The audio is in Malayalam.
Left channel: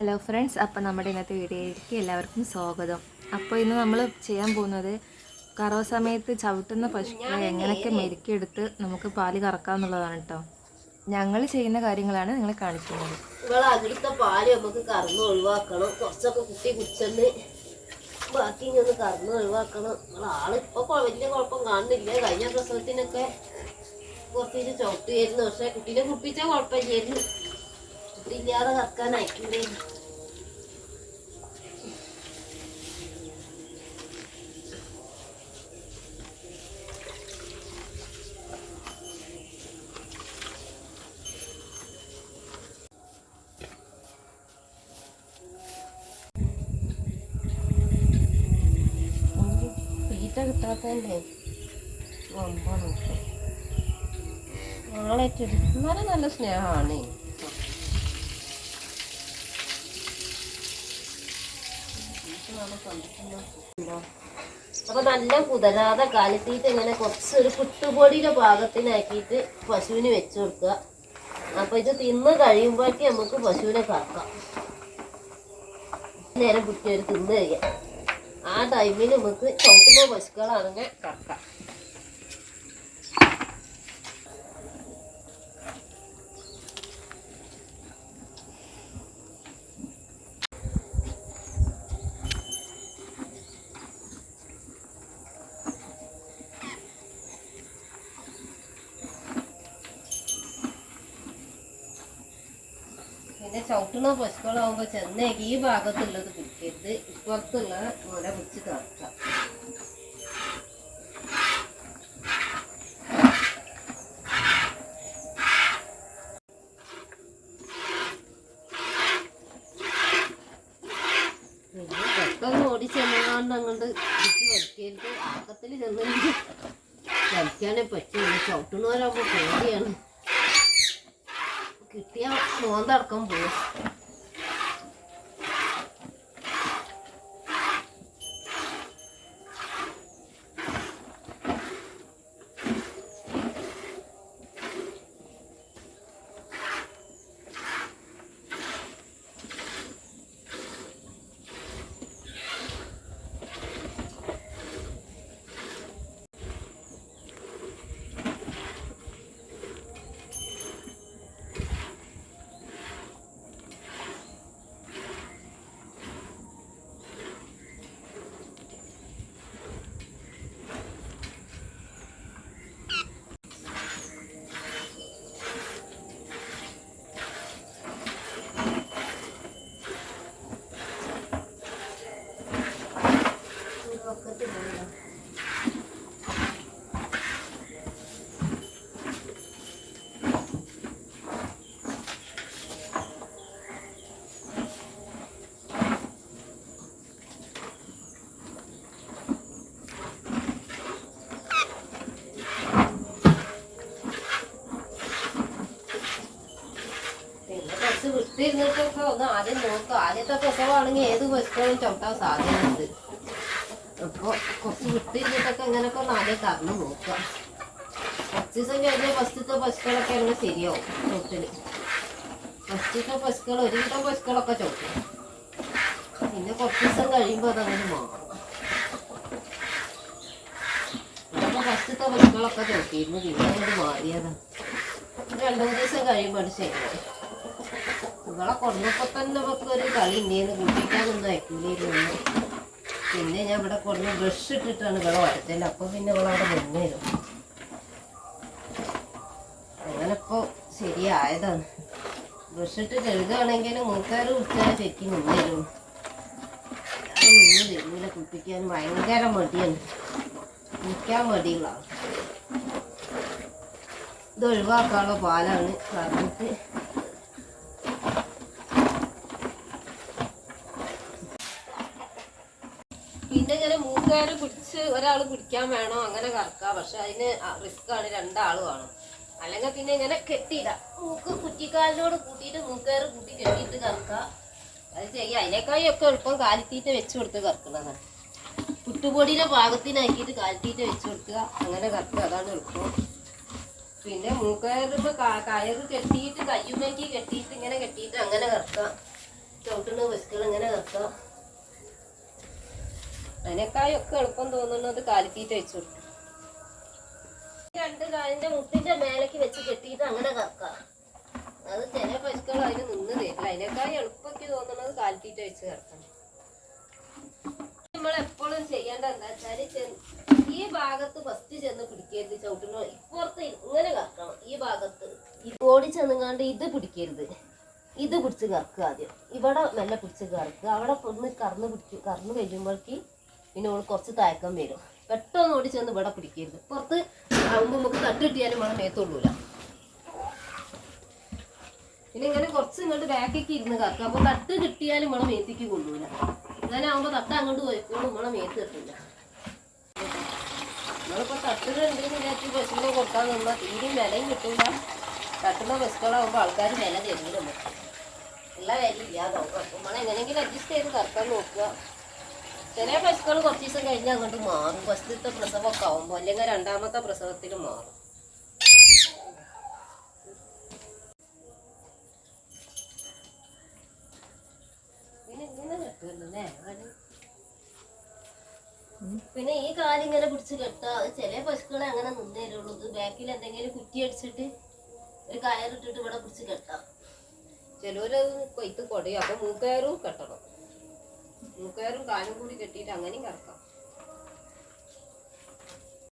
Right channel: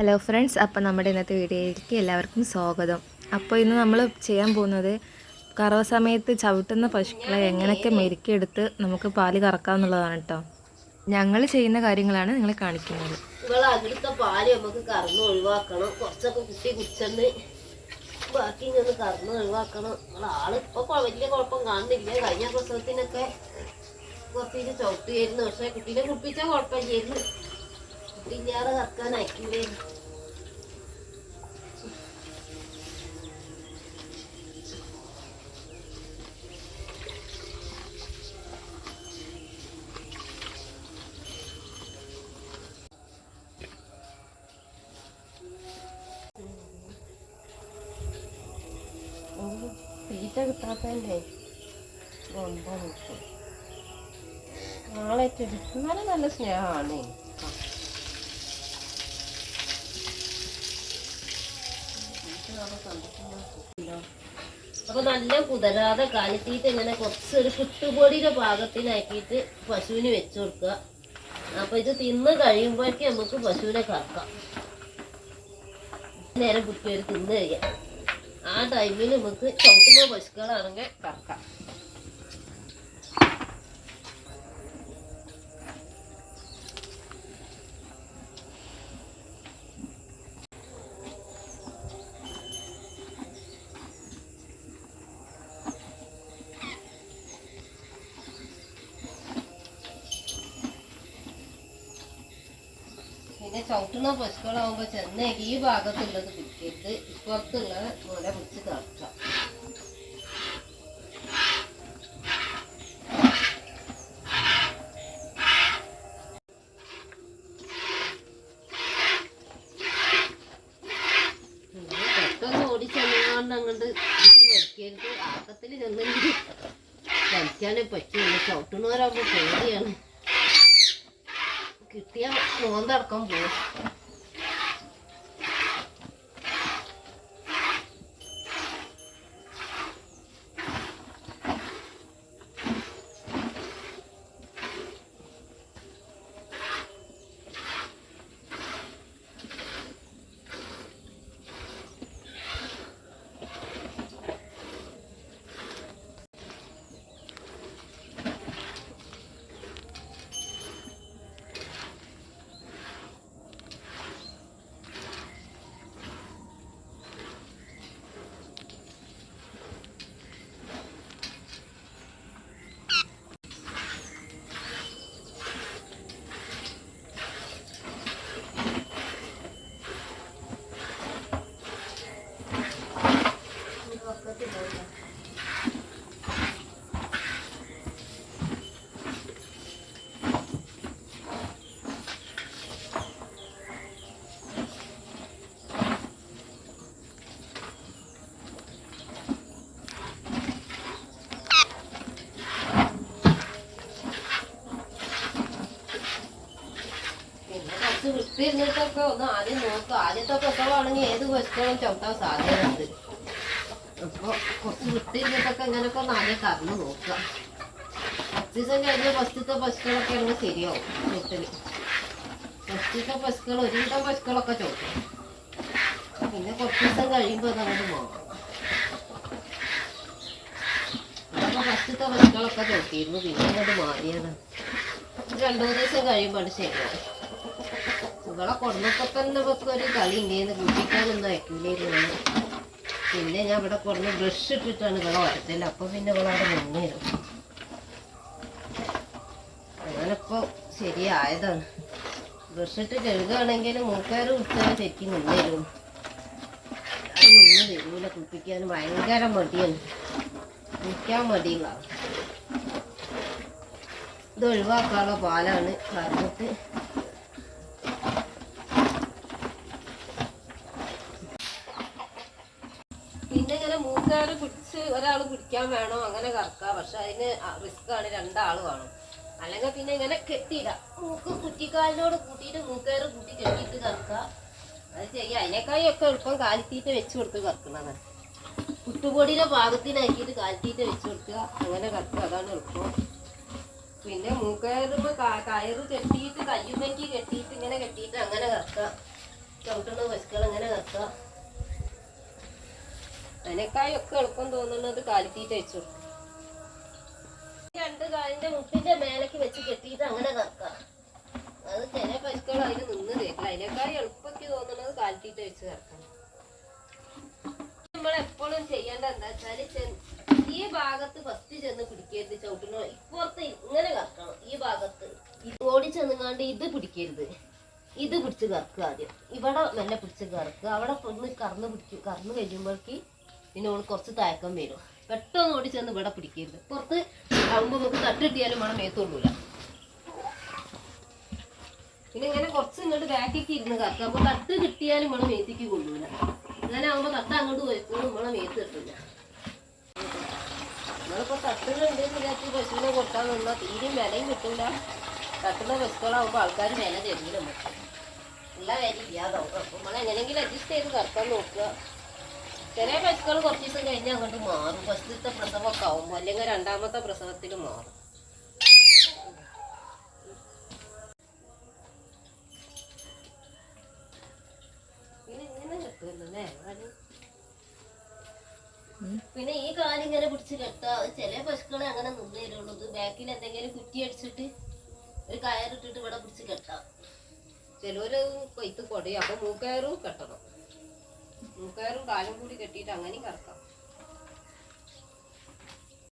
ഹലോ ഫ്രണ്ട്സ്, അപ്പോൾ നമ്മുടെ ഇന്നത്തെ വീഡിയോയിലേക്ക് എല്ലാവർക്കും സ്വാഗതം. അപ്പോൾ ഇന്ന് നമ്മൾ ചെയ്യാൻ പോകുന്നത് കറവ സമയത്ത് ചവിട്ടുന്ന പശുക്കളെ എങ്ങനെയൊക്കെ മെരുക്കിയെടുത്ത് നമുക്ക് പാല് കറക്കാമെന്നുള്ളതാണ് കേട്ടോ. ഞങ്ങൾ ചെയ്യുന്ന കാര്യങ്ങളാണ് നിങ്ങളെ കാണിക്കുന്നത്. അവിടുത്തെ പാല് നമുക്ക് കറന്ന് ഒഴിവാക്കണം. കുറച്ചൊക്കെ കുട്ടി കുടിച്ചെന്ന് ബാക്കി ഇങ്ങനെ കറന്ന് ഒഴിവാക്കണം. ആളിപ്പോൾ വലിയ കുഴപ്പം കാണുന്നില്ല. കഴിഞ്ഞ പ്രസവത്തിനൊക്കെ കുറച്ച് ചവിട്ടുകയായിരുന്നു. പക്ഷെ കുട്ടീനെ കുടിപ്പിച്ചാൽ കുഴപ്പമില്ലായിരുന്നു. കുട്ടിയില്ലാതെ കറക്കാൻ അയക്കില്ലായിരുന്നു. തീറ്റ കിട്ടാത്തതല്ലേ കൊമ്പ നോക്കും. നാളെ എന്നാലും നല്ല സ്നേഹമാണ്. അപ്പൊ നല്ല കുതിരാതെ കാലിത്തീറ്റ് ഇങ്ങനെ കുറച്ചൊരു പുട്ടുപൊടിയുടെ പാകത്തിനാക്കിയിട്ട് പശുവിന് വെച്ചു കൊടുക്കുക. അപ്പൊ ഇത് തിന്ന് കഴിയുമ്പോഴേക്ക് നമുക്ക് പശുവിനെ കറക്കാം. നേരം കുട്ടിയൊരു തിന്ന് കഴിയാം. ആ ടൈമിൽ നമുക്ക് ചവിട്ടുന്ന പശുക്കളാണെങ്കിൽ കറക്കാം. പിന്നെ ചവിട്ടുന്ന പശുക്കളാകുമ്പോൾ ചെന്നേക്ക് ഈ ഭാഗത്തുള്ളത് പിടിക്കരുത്, ഇപ്പുറത്തുള്ള മുല പിടിച്ച് കറക്കാം. പിന്നെ പെട്ടെന്ന് ഓടിച്ചെന്നാണ്ട് അങ്ങോട്ട് പിടിച്ച് വലിക്കരുത്. ആക്കത്തിൽ ചെന്നെങ്കിൽ വലിക്കാനേ പറ്റുള്ളൂ. ചവിട്ടുന്നവരാകുമ്പോൾ പേടിയാണ്. കിട്ടിയ മോന്തടക്കം പോവും. വിട്ടിരുന്നിട്ടൊക്കെ ഒന്ന് ആദ്യം നോക്കുക. ആദ്യത്തെ പ്രസവമാണെങ്കിൽ ഏത് പശുക്കളും ചവിട്ടാൻ സാധ്യതയുണ്ട്. അപ്പോൾ കുറച്ച് വിട്ടിരുന്നിട്ടൊക്കെ ഇങ്ങനെയൊക്കെ ഒന്ന് ആദ്യം കറന്ന് നോക്കുക. 10 ദിവസം കഴിഞ്ഞ് ഫസ്റ്റത്തെ പശുക്കളൊക്കെ ആണെങ്കിൽ ശരിയാവും ചവിട്ടിൽ. ഫസ്റ്റത്തെ പശുക്കൾ ഒരുവിധം പശുക്കളൊക്കെ ചവിട്ടും. പിന്നെ കുറച്ച് ദിവസം കഴിയുമ്പോൾ അതങ്ങോട്ട് മാറും. അപ്പോൾ ഫസ്റ്റത്തെ പശുക്കളൊക്കെ ചവിട്ടിയിരുന്നു. പിന്നെ അങ്ങോട്ട് മാറിയതാണ്. 2-3 ദിവസം കഴിയുമ്പോൾ അത് ശരിയാവും. ഇവളെ കൊടുന്നപ്പോൾ തന്നെ ഇവർക്ക് ഒരു കളി ഉണ്ടേന്ന്. കുട്ടിക്കാനൊന്നും അയക്കില്ലായിരുന്നു. പിന്നെ ഞാൻ ഇവിടെ കൊടുന്ന് ബ്രഷ് ഇട്ടിട്ടാണ് ഇവളെ വരച്ചത്. അപ്പോൾ പിന്നെ ഇവളവിടെ മുന്നേറും. അങ്ങനെ ഇപ്പോൾ ശരിയായതാണ്. ബ്രഷ് ഇട്ട് കഴുകുകയാണെങ്കിൽ മൂക്കാറ് കുടിച്ചാൽ ശരിക്കും മുന്നേരും. ഞാൻ നിന്ന് തരൂല. കുളിപ്പിക്കാൻ ഭയങ്കര മടിയാണ്. കുളിക്കാൻ മടിയുള്ളതാണ്. ഇത് ഒഴിവാക്കാനുള്ള പാലാണ് കറന്നിട്ട്. പിന്നെ ഇങ്ങനെ മൂക്കയറ് പിടിച്ച് ഒരാൾ പിടിക്കാൻ വേണോ അങ്ങനെ കറക്കാം. പക്ഷെ അതിന് റിസ്ക്കാണ്. 2 ആൾ വേണം. അല്ലെങ്കിൽ പിന്നെ ഇങ്ങനെ കെട്ടിയിടാം. മൂക്ക് കുറ്റിക്കാലിനോട് കൂട്ടിയിട്ട് മൂക്കയറ് കൂട്ടി കെട്ടിയിട്ട് കറക്കാം. അത് ചെയ്യാം. അതിനേക്കാളും ഒക്കെ എളുപ്പം കാലിത്തീറ്റ വെച്ച് കൊടുത്ത് കറക്കുന്നതാണ്. പുട്ടുപൊടിയുടെ പാകത്തിനാക്കിയിട്ട് കാലിത്തീറ്റ വെച്ച് കൊടുക്കുക. അങ്ങനെ കറക്കുക. അതാണ് എളുപ്പം. പിന്നെ മൂക്കയറിപ്പോൾ കയറ് കെട്ടിയിട്ട് കയ്യുമ്മേക്ക് കെട്ടിയിട്ട് ഇങ്ങനെ കെട്ടിയിട്ട് അങ്ങനെ കറക്കാം. ചവിട്ടുന്ന പശുക്കൾ എങ്ങനെ കറക്കാം. അതിനേക്കായൊക്കെ എളുപ്പം തോന്നുന്നത് കാലിത്തീറ്റ വെച്ചു കൊടുക്കും. രണ്ട് കാലിന്റെ മുട്ടിന്റെ മേലേക്ക് വെച്ച് കെട്ടിയിട്ട് അങ്ങനെ കറക്കാം. അത് ചില പശുക്കൾ അതിന് നിന്ന് തരില്ല. അതിനേക്കായി എളുപ്പത്തിൽ തോന്നുന്നത് കാലിത്തീറ്റ വെച്ച് കറക്കണം. നമ്മൾ എപ്പോഴും ചെയ്യേണ്ട എന്താ വെച്ചാല് ഈ ഭാഗത്ത് ഫസ്റ്റ് ചെന്ന് പിടിക്കരുത്. ചവിട്ടുന്ന ഇപ്പുറത്ത് ഇങ്ങനെ കറക്കണം. ഈ ഭാഗത്ത് ഓടി ചെന്നുങ്ങാണ്ട് ഇത് പിടിക്കരുത്. ഇത് പിടിച്ച് കറക്കുക ആദ്യം. ഇവിടെ മെല്ലെ പിടിച്ച് കറക്കുക. അവിടെ ഒന്ന് കറന്ന് കഴിയുമ്പോഴേക്ക് പിന്നെ ഓൾ കുറച്ച് തയക്കം വരും. പെട്ടെന്ന് ഓടി ചെന്ന് ഇവിടെ പിടിക്കരുത്. പുറത്ത് ആകുമ്പോൾ നമുക്ക് തട്ടിട്ടിയാലും നമ്മളെ മേത്തുള്ളൂല. പിന്നെ ഇങ്ങനെ കുറച്ച് ഇങ്ങോട്ട് ബാക്കിക്ക് ഇരുന്ന് കറക്കുക. അപ്പോൾ തട്ട് കിട്ടിയാലും നമ്മളെ മേത്തേക്ക് കൊള്ളൂല. അങ്ങനെ ആകുമ്പോൾ തട്ട അങ്ങോട്ട് പോയിക്കോളും, നമ്മളെ മേത്ത് കിട്ടില്ല. നമ്മളിപ്പോൾ തട്ടുകളുണ്ടെന്ന് വിചാരിച്ച് പശുവിനെ കൊടുക്കാൻ നിന്നാൽ തീരെയും വിലയും കിട്ടില്ല. തട്ടുന്ന പശുക്കളാകുമ്പോൾ ആൾക്കാർ വില തരില്ല. നമുക്ക് എല്ലാ വിലയും ഇല്ലാതാവും. അപ്പോൾ നമ്മൾ എങ്ങനെയെങ്കിലും അഡ്ജസ്റ്റ് ചെയ്ത് കറക്കാൻ നോക്കുക. ചില പശുക്കൾ കുറച്ച് ദിവസം കഴിഞ്ഞാൽ അങ്ങോട്ട് മാറും. ഫസ്റ്റത്തെ പ്രസവമൊക്കെ ആകുമ്പോൾ, അല്ലെങ്കിൽ രണ്ടാമത്തെ പ്രസവത്തിൽ മാറും. പിന്നെ ഇങ്ങനെ കിട്ടുമല്ലേ. പിന്നെ ഈ കാലിങ്ങനെ പിടിച്ച് കെട്ടാ. ചില പശുക്കളെ അങ്ങനെ നിന്ന് തരുള്ളൂ. ഇത് ബാക്കിൽ എന്തെങ്കിലും കുറ്റി അടിച്ചിട്ട് ഒരു കയറിട്ടിട്ട് ഇവിടെ പിടിച്ച് കെട്ടാം. ചിലവര് കൊയ്ത്ത് കൊടയും. അപ്പൊ മൂക്കയറും കെട്ടണം. മൂക്കയറും കാലും കൂടി കെട്ടിയിട്ട് അങ്ങനെയും കറക്കാം.